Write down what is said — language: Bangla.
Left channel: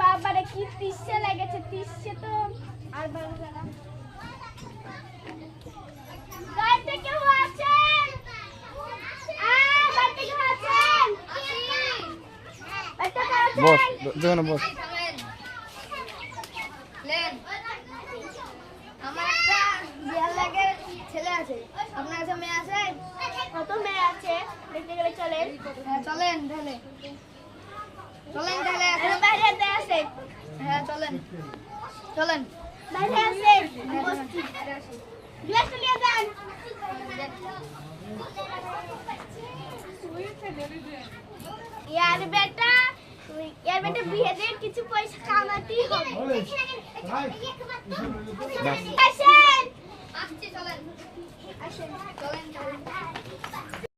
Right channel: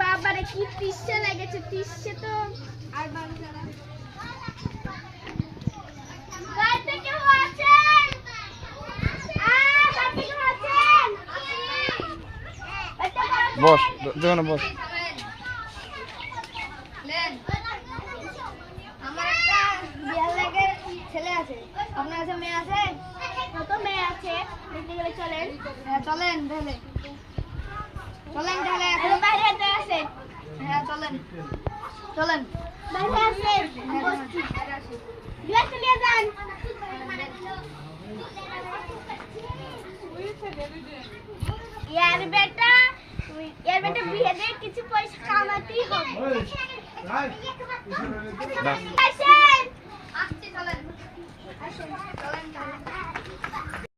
বাবারে কি তৃষ্ণা লেগেছে, তৃষ্ণা তো আর গাড়িতে কেউ আছেন? গাড়িতে কেউ আছেন? বস দোকানে বস। আমার একটা বিয়ার লাগে ছেলে আছে, আপনার কাছে মেয়ে আছে? কত মেয়ে আছে দেখতে গেলে চলেন। হ্যাঁ চলেন তাহলে, চলেন তাহলে। এখন বাইরে আছে? হ্যাঁ চলেন চলেন, বাইরে আছে গ্লাস নিয়ে যান। यार बेटा বিয়ে দিয়ে কিছু পয়সা কামাতেই হবে। আসেন আসছি চলেন, আসেন চলেন চলেন।